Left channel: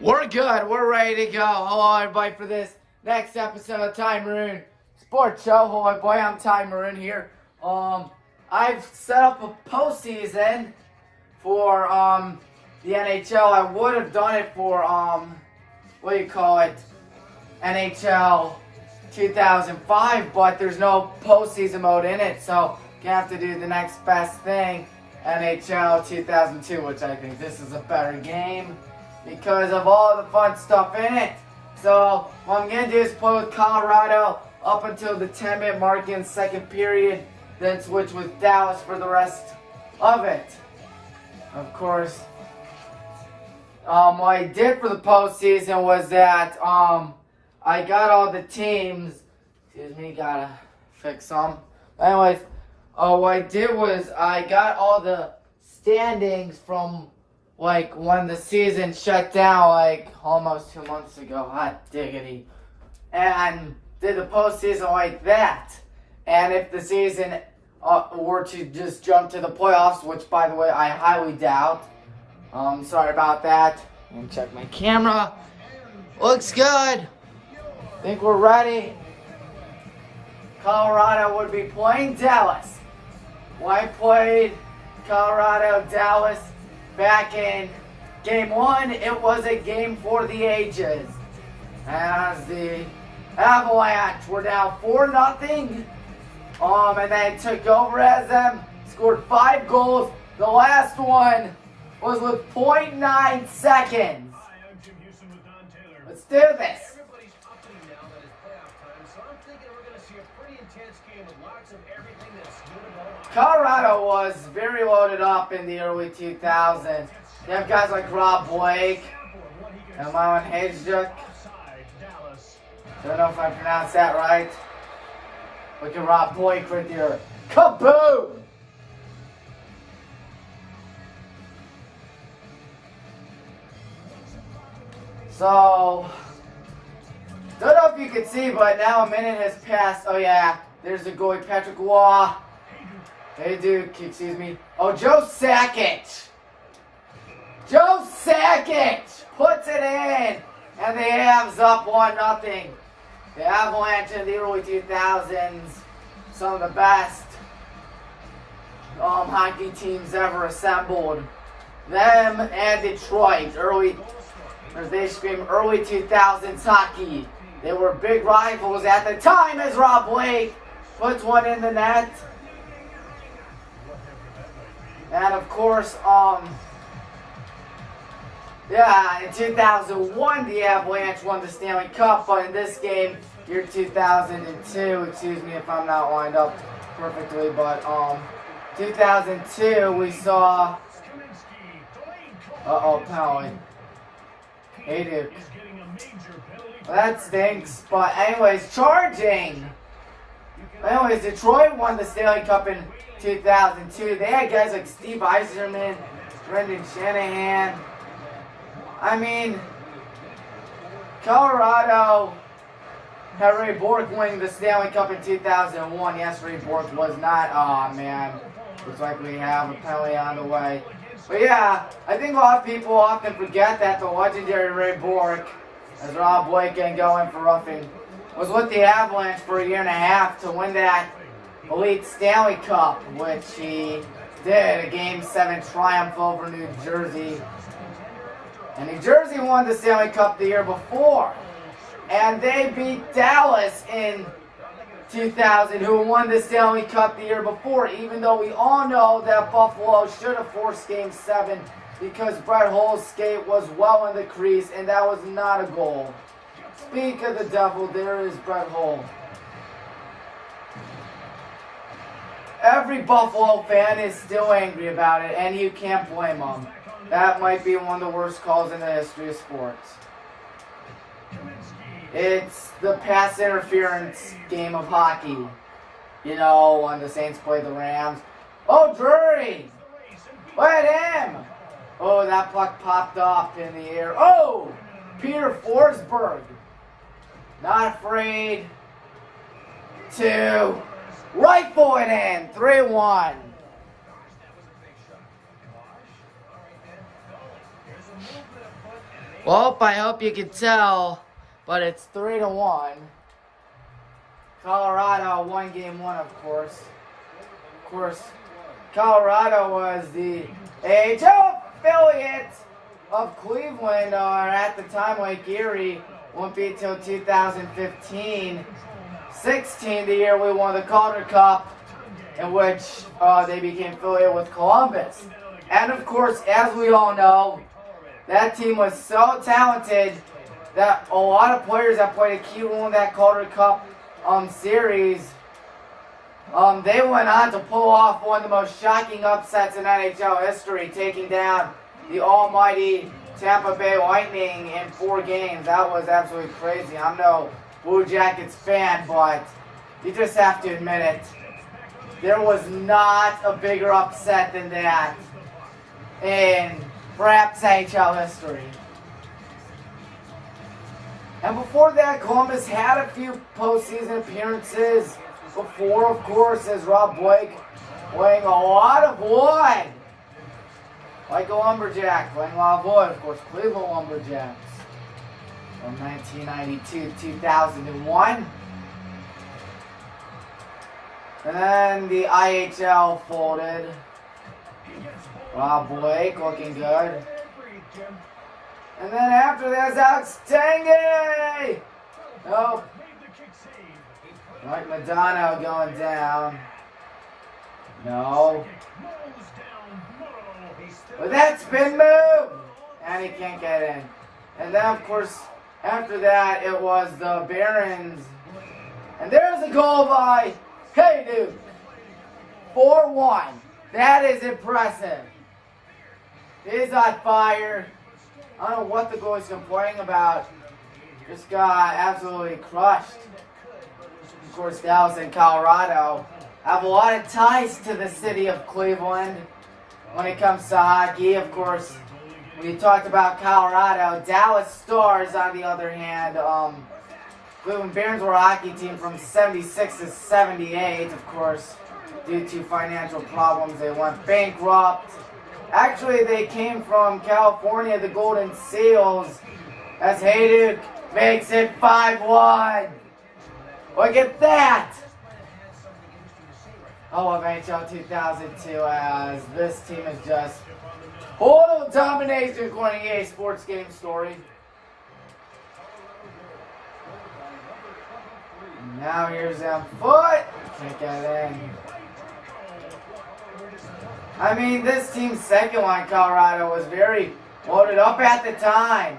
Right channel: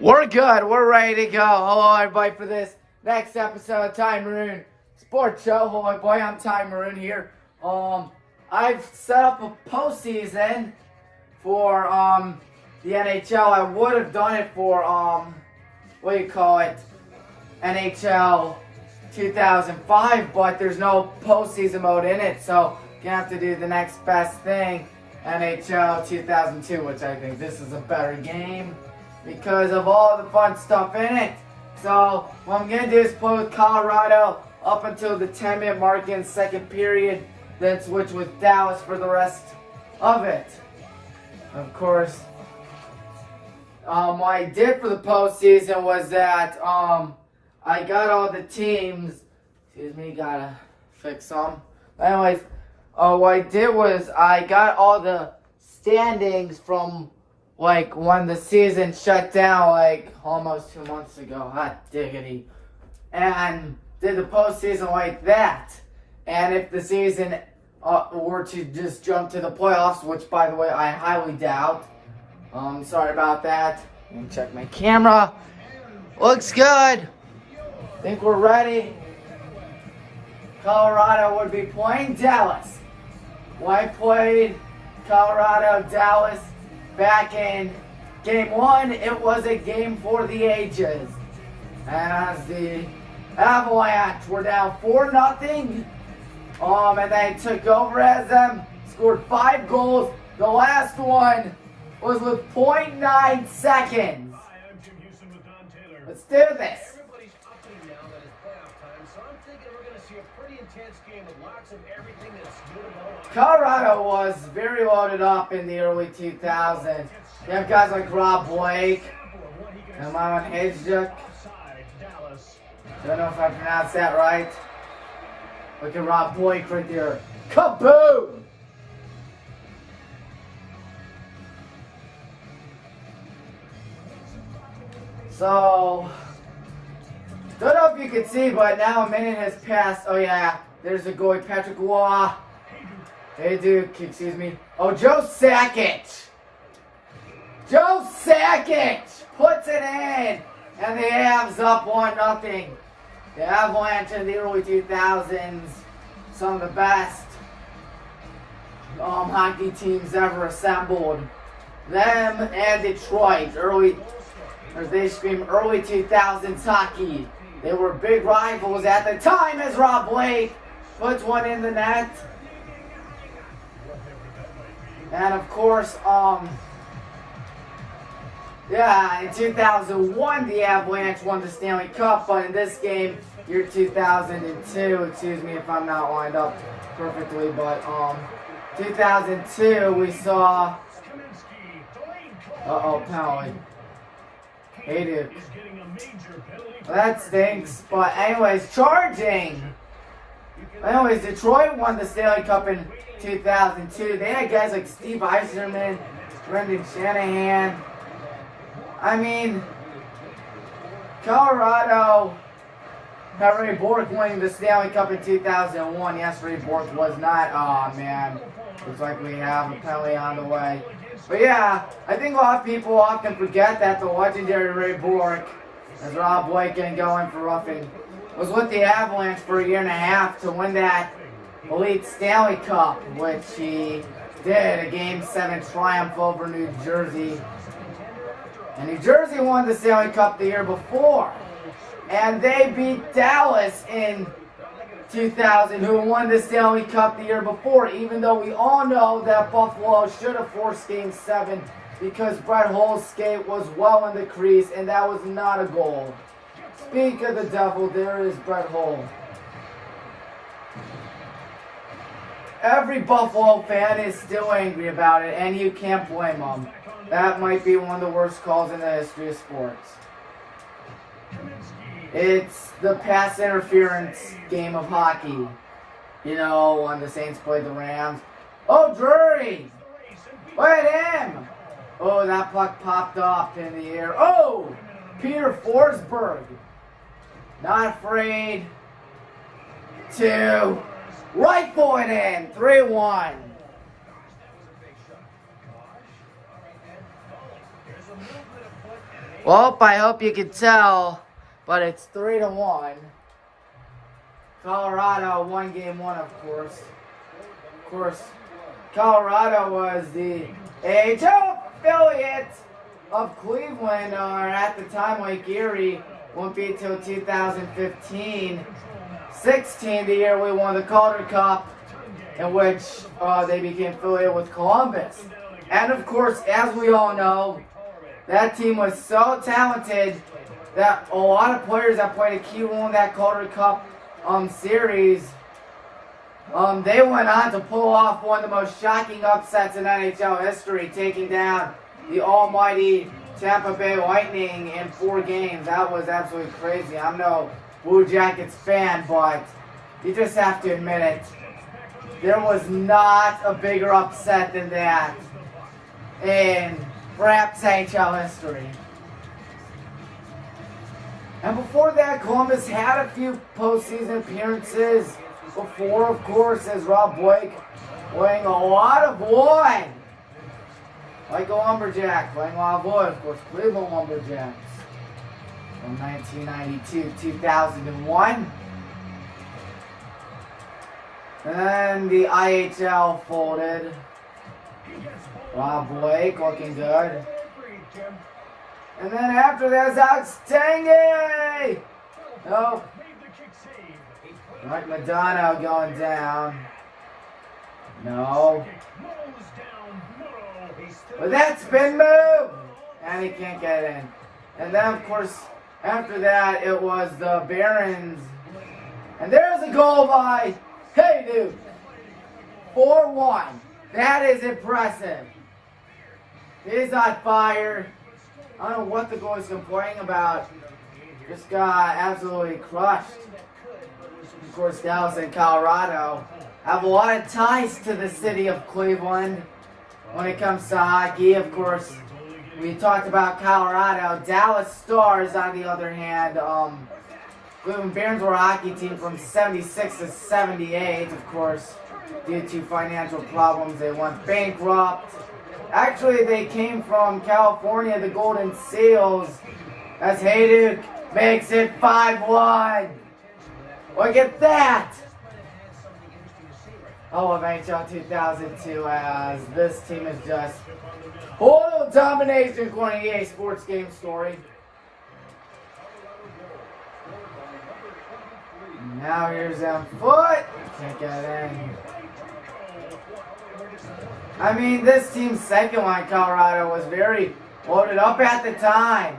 We're good. We're ready to go. Hello, everybody, for this next episode of Tommy Maroon Sports Show. Hello, boy. I'm Tommy Maroon here. I've set up a postseason for the NHL. I would have done it for NHL 2005, but there's no postseason mode in it, so you have to do the next best thing, NHL 2002, which I think this is a better game because of all the fun stuff in it. So what I'm going to do is play with Colorado up until the 10-minute mark in the second period, then switch with Dallas for the rest of it. Of course, what I did for the postseason was that I got all the teams. Excuse me, gotta fix some. Anyways, what I did was I got all the standings from like when the season shut down, like almost 2 months ago. Hot diggity. And did the postseason like that. And if the season were to just jump to the playoffs, which by the way I highly doubt. Sorry about that. Let me check my camera. Looks good. Think we're ready. Colorado would be playing Dallas. When I played Colorado, Dallas back in game 1, it was a game for the ages. As the Avalanche were down 4-0. And they took over as them, scored 5 goals. The last one was with 0.9 seconds. Let's do this. Everybody's upping now that it's playoff time, so I'm thinking we're going to see a pretty intense game with lots of everything that's good about Colorado was very loaded up in the early 2000s. You have guys like Rob Blake and Myron Hajduk. I don't know if I pronounced that right. Look at Rob Blake right there. Kaboom! So, don't know if you can see, but now a minute has passed. Oh yeah, there's the goalie, Patrick Waugh. Hey Duke, excuse me. Oh, Joe Sakic. Joe Sakic puts it in. And the Avs up 1-0. The Avalanche in the early 2000s, some of the best hockey teams ever assembled. Them and Detroit, early 2000s hockey. They were big rivals at the time as Rob Blake puts one in the net. And of course, in 2001, the Avalanche won the Stanley Cup, but in this game, year 2002, excuse me if I'm not lined up perfectly, but 2002, we saw, penalty. Hey, Duke. Well, that stinks, but anyways, charging. Anyways, Detroit won the Stanley Cup in 2002. They had guys like Steve Yzerman, Brendan Shanahan. I mean, Colorado had Ray Bork winning the Stanley Cup in 2001. Yes, Ray Bork was not. Oh, man. Looks like we have a penalty on the way. But yeah, I think a lot of people often forget that the legendary Ray Bork, as Rob Blake getting going for roughing, was with the Avalanche for a year and a half to win that elite Stanley Cup, which he did, a Game 7 triumph over New Jersey. And New Jersey won the Stanley Cup the year before. And they beat Dallas in 2000, who won the Stanley Cup the year before, even though we all know that Buffalo should have forced Game 7 because Brett Hull's skate was well in the crease, and that was not a goal. Speak of the devil, there is Brett Hull. Every Buffalo fan is still angry about it, and you can't blame them. That might be one of the worst calls in the history of sports. It's the pass interference game of hockey. You know, when the Saints play the Rams. Oh, Drury! Look at him! Oh, that puck popped up in the air. Oh! Peter Forsberg. Not afraid to rifle it in. 3-1. Well, I hope you can tell, but it's 3-1. Colorado won game one, of course. Of course, Colorado was the AHL affiliate of Cleveland, or at the time Lake Erie, won't be till 2015. 16, the year we won the Calder Cup, in which they became affiliated with Columbus. And of course, as we all know, that team was so talented that a lot of players that played a key role in that Calder Cup series, they went on to pull off one of the most shocking upsets in NHL history, taking down the almighty Tampa Bay Lightning in 4 games. That was absolutely crazy. I'm no Blue Jackets fan, but you just have to admit it. There was not a bigger upset than that in perhaps NHL history. And before that, Columbus had a few postseason appearances before, of course, as Rob Blake weighing a lot of wood. Like a lumberjack, playing a lot of wood, of course, Cleveland Lumberjacks. From 1992 to 2001. And then the IHL folded. Rob Blake looking good. And then after that, Alex Tanguay. Nope. Mike Madonna going down. No. But that spin move! And he can't get in. And then, of course, after that, it was the Barons. And there's a goal by, hey dude, 4-1. That is impressive. He's on fire. I don't know what the goalie's complaining about. Just got absolutely crushed. Of course, Dallas and Colorado have a lot of ties to the city of Cleveland when it comes to hockey. Of course, we talked about Colorado. Dallas Stars, on the other hand, Cleveland Barons were a hockey team from 76 to 78. Of course, due to financial problems, they went bankrupt. Actually, they came from California, the Golden Seals, as Hayduk makes it 5-1. Look at that! I love NHL 2002 as this team is just total domination according to EA Sports Game Story. Now here's them foot. Can't get in. I mean, this team's second line, Colorado, was very loaded up at the time.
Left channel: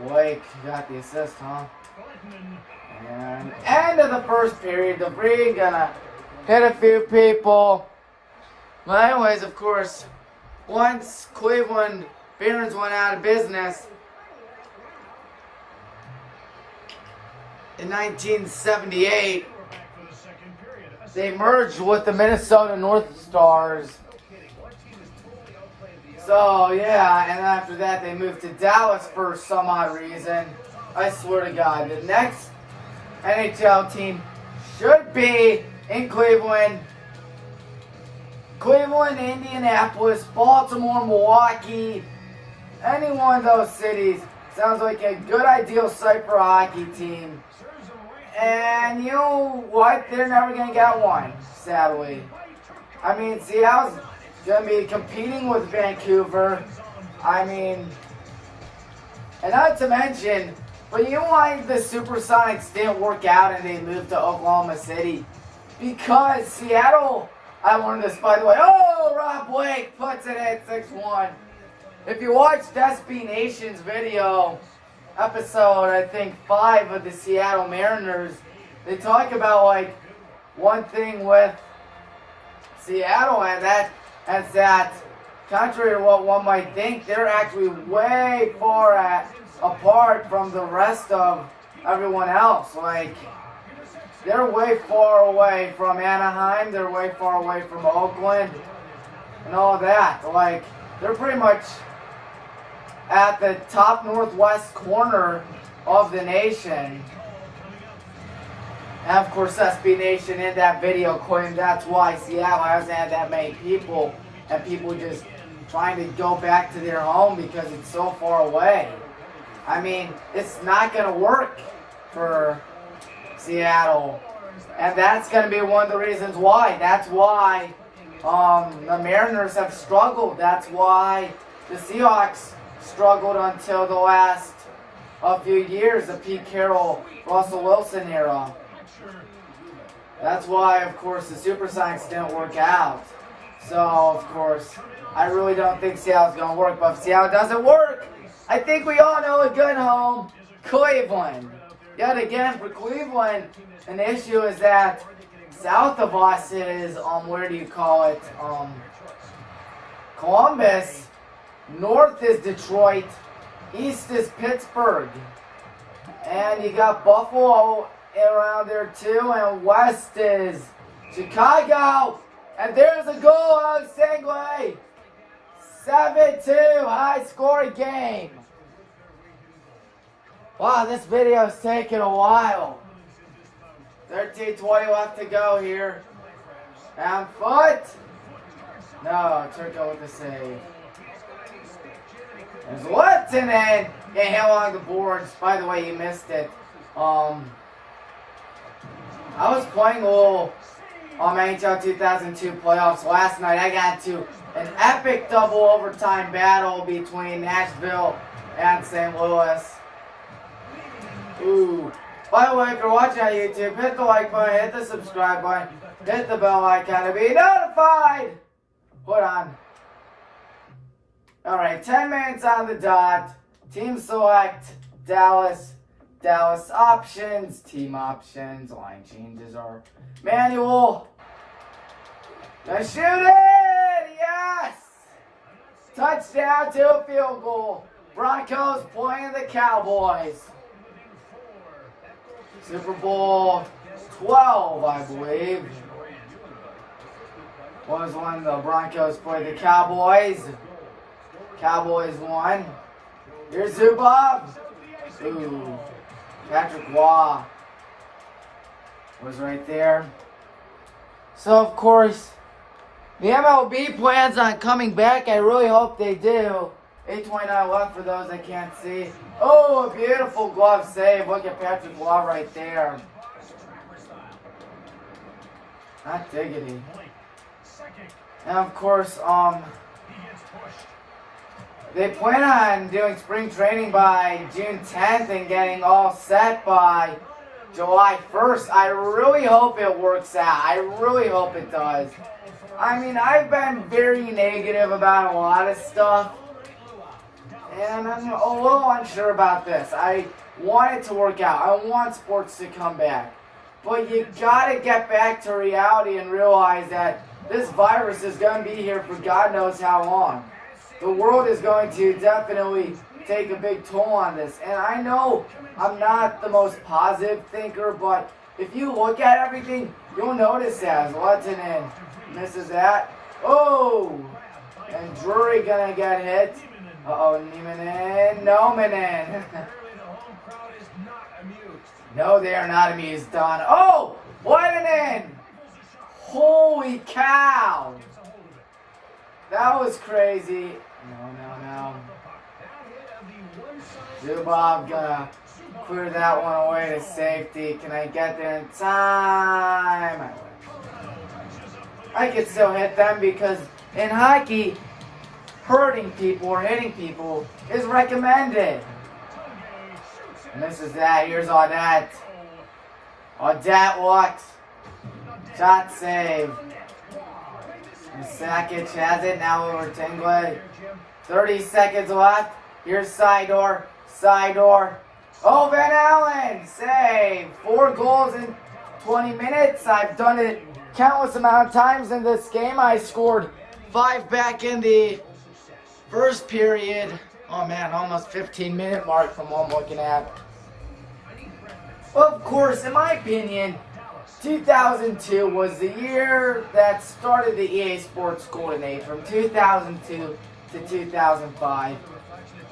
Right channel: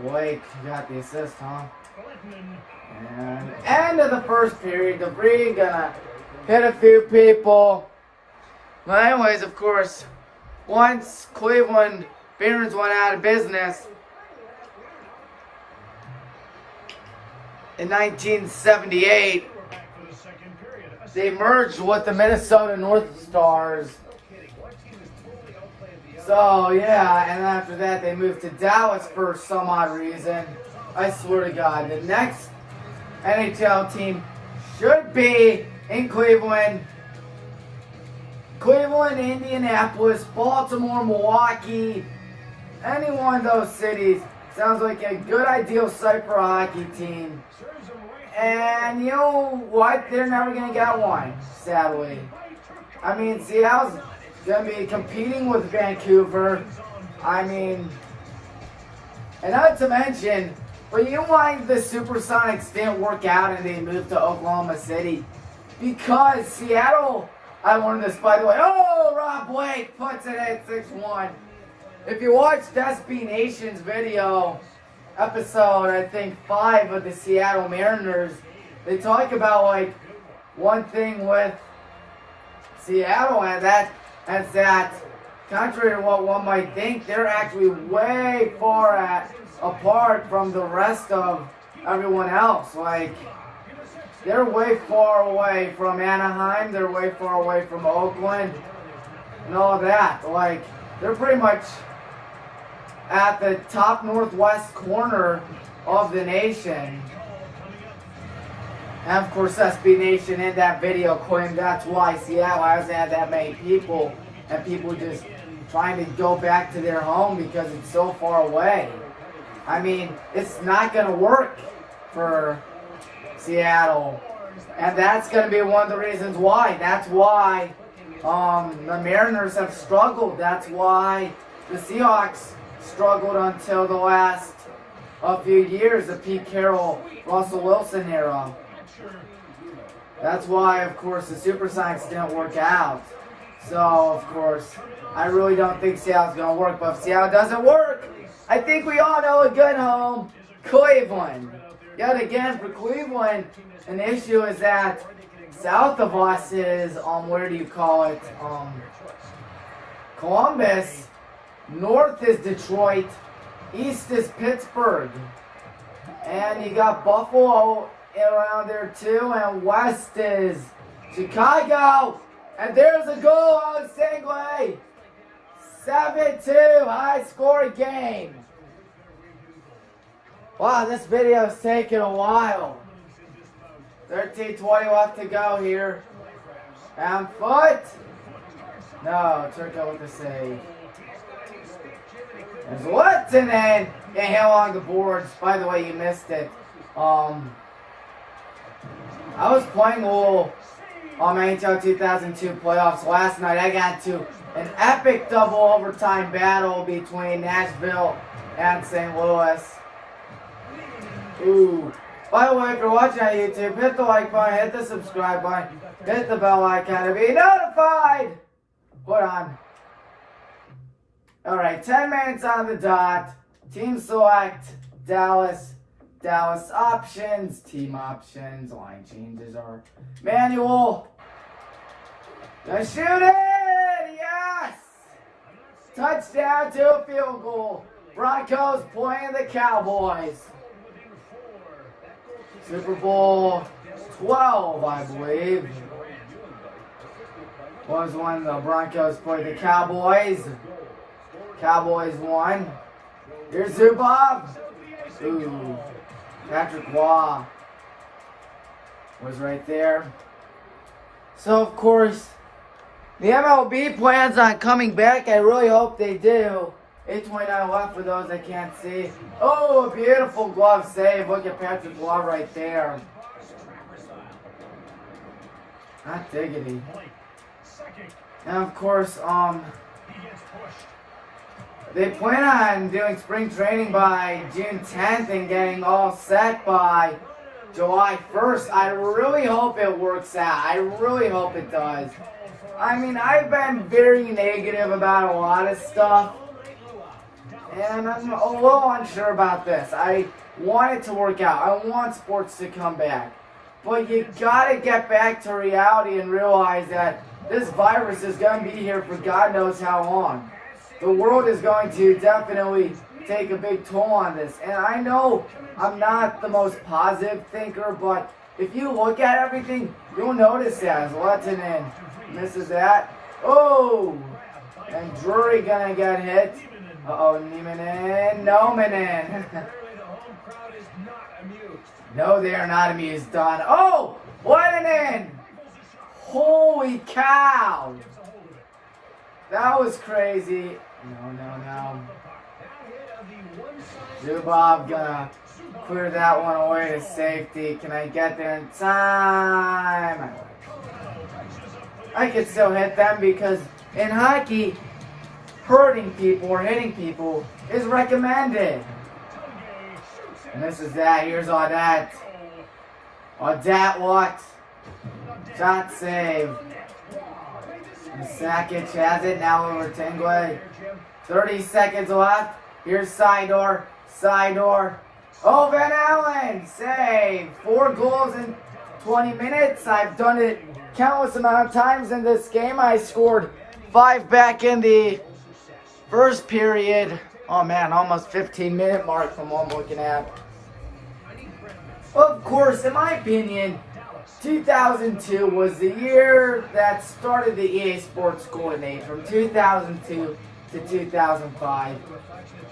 Blake got the assist, huh? And end of the first period, Debris gonna hit a few people. But anyways, of course, once Cleveland Barons went out of business in 1978, they merged with the Minnesota North Stars. So, yeah, and after that, they moved to Dallas for some odd reason. I swear to God, the next NHL team should be in Cleveland. Cleveland, Indianapolis, Baltimore, Milwaukee, any one of those cities sounds like a good ideal site for a hockey team. And you know what? They're never going to get one, sadly. I mean, Seattle's going to be competing with Vancouver. I mean, and not to mention, but you know why the Supersonics didn't work out and they moved to Oklahoma City? Because Seattle, I learned this by the way. Oh, Rob Blake puts it at 6-1. If you watch SB Nation's video, episode, I think 5 of the Seattle Mariners, they talk about like one thing with Seattle, and that contrary to what one might think, they're actually way far apart from the rest of everyone else. Like, they're way far away from Anaheim, they're way far away from Oakland, and all that. Like, they're pretty much at the top northwest corner of the nation. And of course, SB Nation in that video claimed that's why Seattle hasn't had that many people, and people just trying to go back to their home because it's so far away. I mean, it's not going to work for Seattle. And that's going to be one of the reasons why. That's why the Mariners have struggled. That's why the Seahawks struggled until the last few years, the Pete Carroll, Russell Wilson era. That's why, of course, the Super Science didn't work out. So, of course, I really don't think Seattle's going to work. But if Seattle doesn't work, I think we all know a good home, Cleveland. Yet again, for Cleveland, an issue is that south of us is, where do you call it, Columbus. North is Detroit. East is Pittsburgh. And you got Buffalo around there too. And west is Chicago. And there's a goal out of Singway. 7-2, high-scoring game. Wow, this video's taking a while. 13:20 left to go here. And foot. No, Turco with the save. There's Lieutenant. Get hit along the boards. By the way, you missed it. I was playing a little NHL 2002 playoffs last night. I got to an epic double overtime battle between Nashville and St. Louis. Ooh. By the way, if you're watching on YouTube, hit the like button, hit the subscribe button, hit the bell icon to be notified. Hold on. Alright, 10 minutes on the dot. Team select, Dallas. Dallas options, team options, line changes are manual. Gonna shoot it! Yes! Touchdown to a field goal. Broncos playing the Cowboys. Super Bowl 12, I believe, was when the Broncos played the Cowboys. Cowboys won. Here's Zubov. Ooh. Patrick Waugh was right there. So, of course, the MLB plans on coming back. I really hope they do. 8:29 left for those that can't see. Oh, a beautiful glove save. Look at Patrick Waugh right there. Not diggity. And, of course, they plan on doing spring training by June 10th and getting all set by July 1st. I really hope it works out. I really hope it does. I mean, I've been very negative about a lot of stuff, and I'm a little unsure about this. I want it to work out. I want sports to come back. But you gotta get back to reality and realize that this virus is going to be here for God knows how long. The world is going to definitely take a big toll on this. And I know I'm not the most positive thinker, but if you look at everything, you'll notice that. Lettinen misses that. Oh! And Drury gonna get hit. Uh-oh, Niemanen. Nomanen. No, they are not amused, Don. Oh! Lettinen! Holy cow! That was crazy. No. Zubov gonna clear that one away to safety. Can I get there in time? I could still hit them because in hockey, hurting people or hitting people is recommended. And this is that. Here's Audette. Audette walks. Shot save. And Sakic has it now over Tingley. 30 seconds left. Here's Sidor. Oh, Van Allen. Save. 4 goals in 20 minutes. I've done it countless amount of times in this game. I scored 5 back in the first period. Oh, man, almost 15-minute mark from what I'm looking at. Of course, in my opinion, 2002 was the year that started the EA Sports Golden Age, from 2002 to 2005.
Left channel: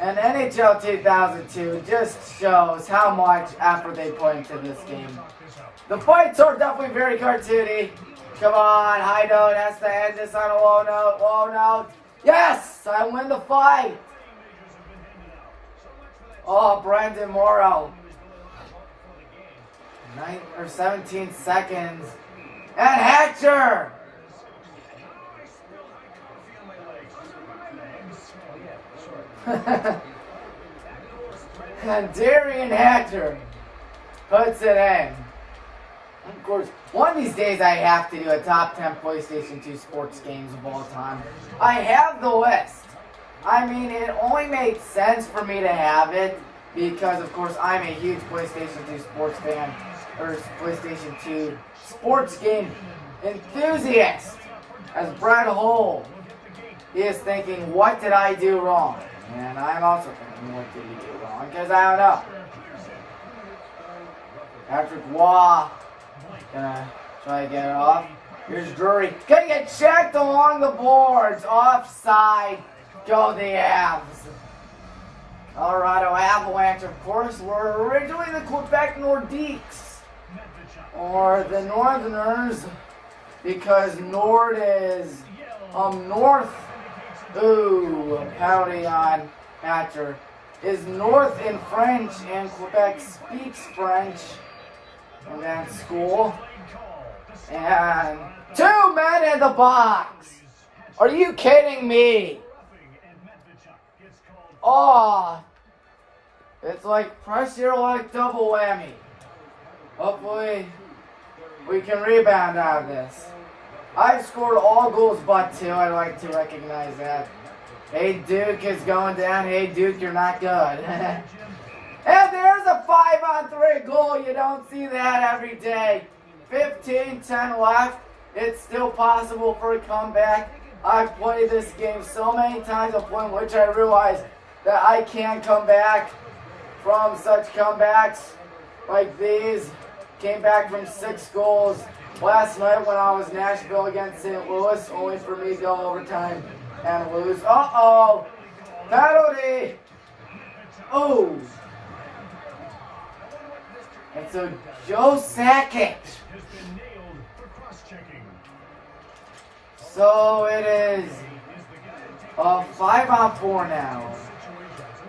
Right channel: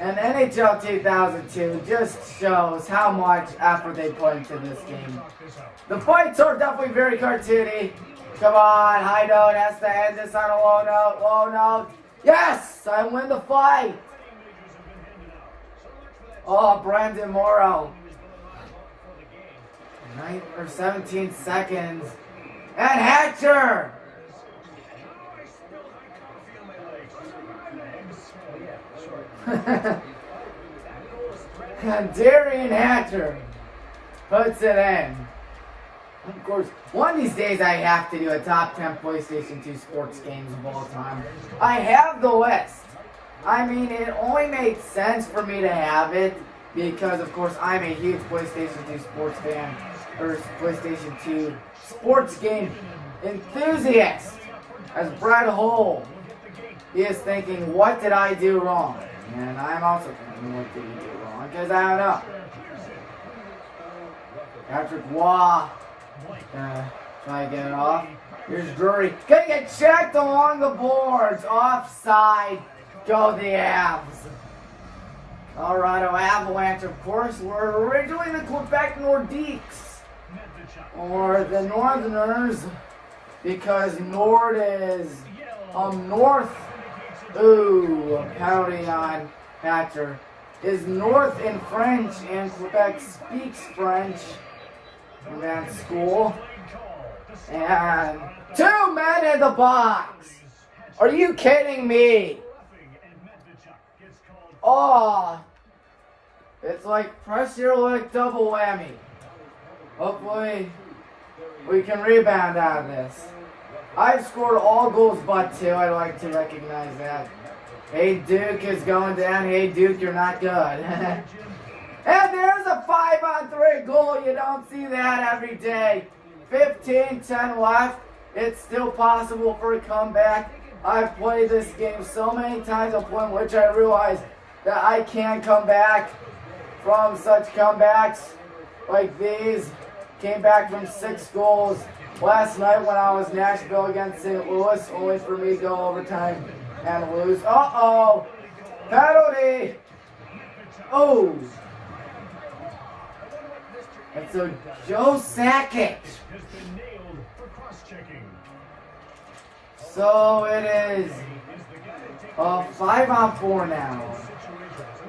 And NHL 2002 just shows how much effort they put into this game. The fights are definitely very cartoony. Come on, high note has to end this on a low note. Yes, I win the fight. Oh, Brandon Morrow. 17 seconds. And Hatcher. And Darian Hatcher puts it in. Of course, one of these days I have to do a top 10 PlayStation 2 sports games of all time. I have the list. I mean, it only makes sense for me to have it because, of course, I'm a huge PlayStation 2 sports fan, or PlayStation 2 sports game enthusiast. As Brett Hull, he is thinking, what did I do wrong? And I'm also thinking, what did he do wrong? Because I don't know. Patrick Waugh. Gonna try to get it off. Here's Drury. Gonna get checked along the boards. Offside. Go the Avs. Colorado Avalanche, of course, were originally the Quebec Nordiques. Or the Northerners. Because Nord is north. Ooh, pounding on Hatcher. Is north in French, and Quebec speaks French. In that school. And 2 men in the box. Are you kidding me? Oh, it's like pressure, like double whammy. Hopefully we can rebound out of this. I've scored all goals but 2. I'd like to recognize that. Hey, Duke is going down. Hey, Duke, you're not good. And there's a 5-on-3 goal. You don't see that every day. 15-10 left. It's still possible for a comeback. I've played this game so many times, a point which I realize that I can come back from such comebacks like these. Came back from 6 goals last night when I was Nashville against St. Louis, only for me to go overtime and lose. Uh-oh. Penalty. Oh. And so Joe Sakic. So it is a 5-on-4 now.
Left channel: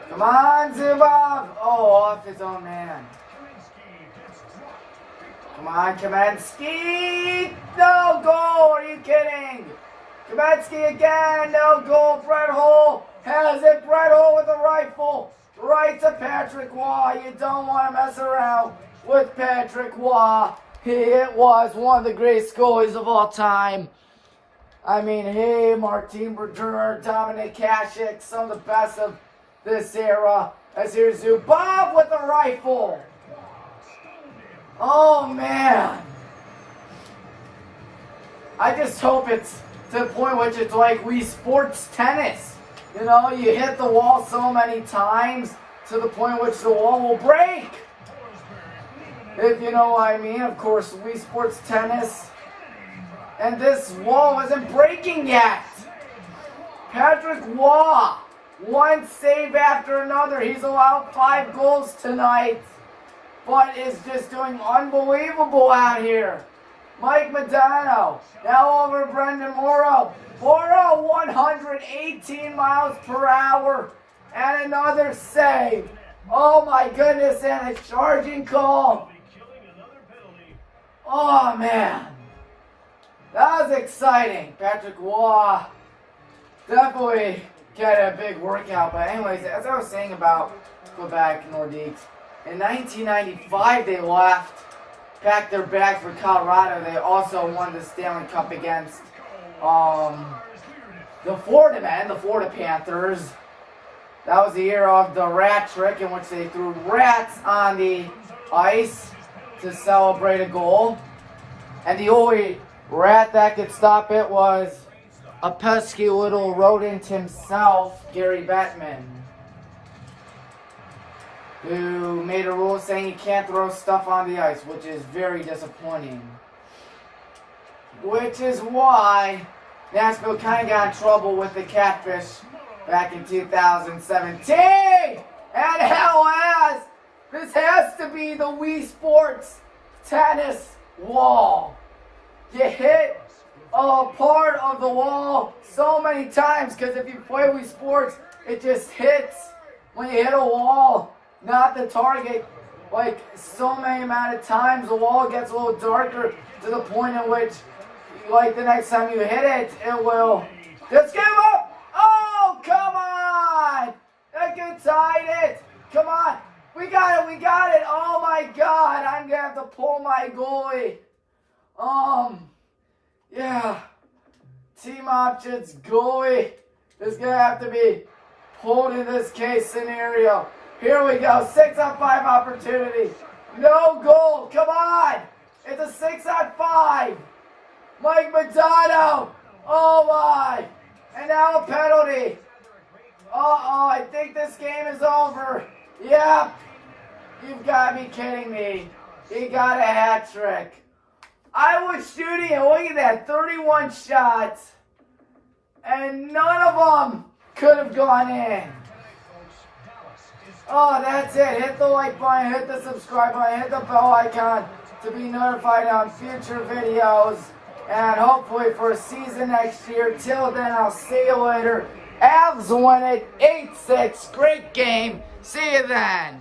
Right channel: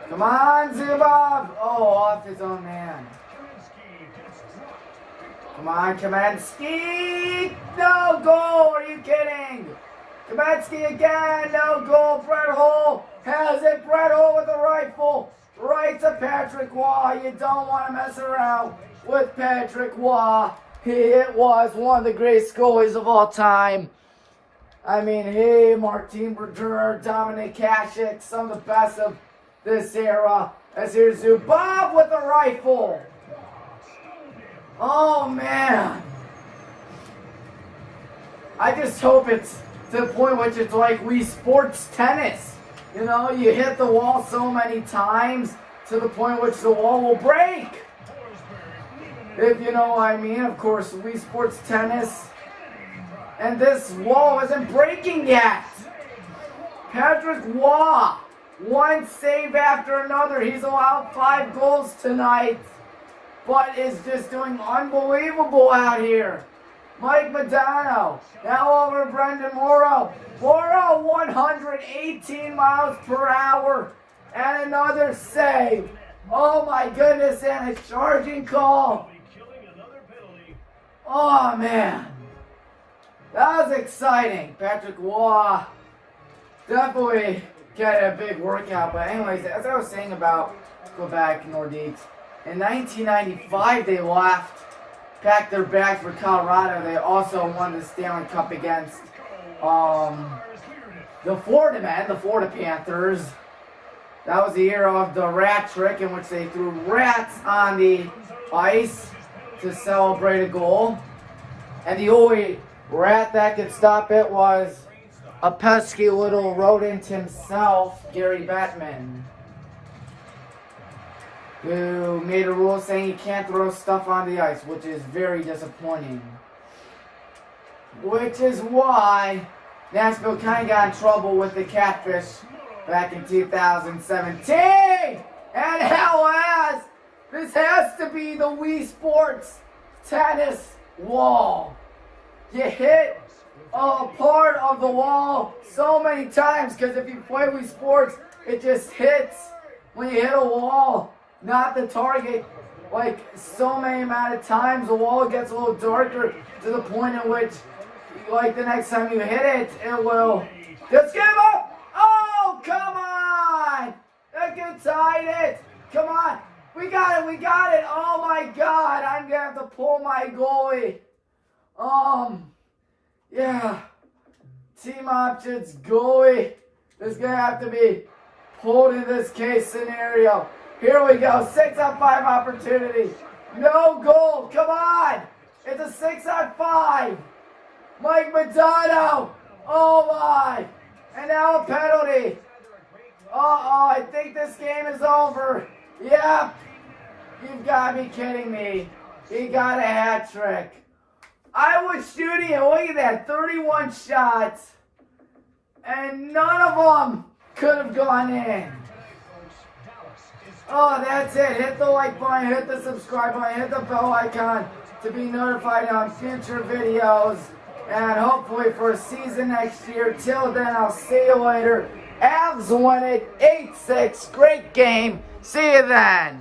Come on, Zubov. Oh, off his own man. Come on, Kamenski. No goal. Are you kidding? Kamenski again. No goal. Brett Hull has it. Brett Hull with a rifle. Right to Patrick Waugh. You don't want to mess around with Patrick Waugh. It was one of the greatest goalies of all time. I mean, hey, Martin Brodeur, Dominic Hasek, some of the best of this era. As here's Zubov with a rifle. Oh, man. I just hope it's to the point which it's like Wii Sports tennis. You know, you hit the wall so many times to the point which the wall will break. If you know what I mean, of course, Wii Sports tennis. And this wall isn't breaking yet. Patrick Waugh, one save after another. He's allowed 5 goals tonight, but is just doing unbelievable out here. Mike Modano, now over Brendan Morrow. Morrow, 118 miles per hour, and another save. Oh my goodness, and a charging call. Oh man. That was exciting. Patrick Waugh definitely get a big workout. But anyways, as I was saying about Quebec Nordiques, in 1995 they left, packed their bags for Colorado. They also won the Stanley Cup against the Florida men, the Florida Panthers. That was the year of the rat trick in which they threw rats on the ice to celebrate a goal. And the only rat that could stop it was a pesky little rodent himself, Gary Bettman, who made a rule saying you can't throw stuff on the ice, which is very disappointing. Which is why Nashville kind of got in trouble with the Catfish back in 2017. And hell has, this has to be the Wii Sports tennis wall. You hit part of the wall so many times, because if you play Wii Sports, it just hits when you hit a wall, not the target. Like so many amount of times, the wall gets a little darker to the point in which, like the next time you hit it, it will just give up. Oh, come on! That can tie it. Come on. We got it. Oh my God, I'm gonna have to pull my goalie. Yeah. Team options goalie is gonna have to be pulled in this case scenario. Here we go, 6-on-5 opportunity. No goal, come on. It's a 6-on-5. Mike Madonna. Oh my. And now a penalty. Uh-oh, I think this game is over. Yep. You've got to be kidding me. He got a hat trick. I was shooting, and look at that, 31 shots. And none of them could have gone in. Oh, that's it. Hit the like button, hit the subscribe button, hit the bell icon to be notified on future videos. And hopefully for a season next year. Till then, I'll see you later. Avs win it 8-6. Great game. See you then.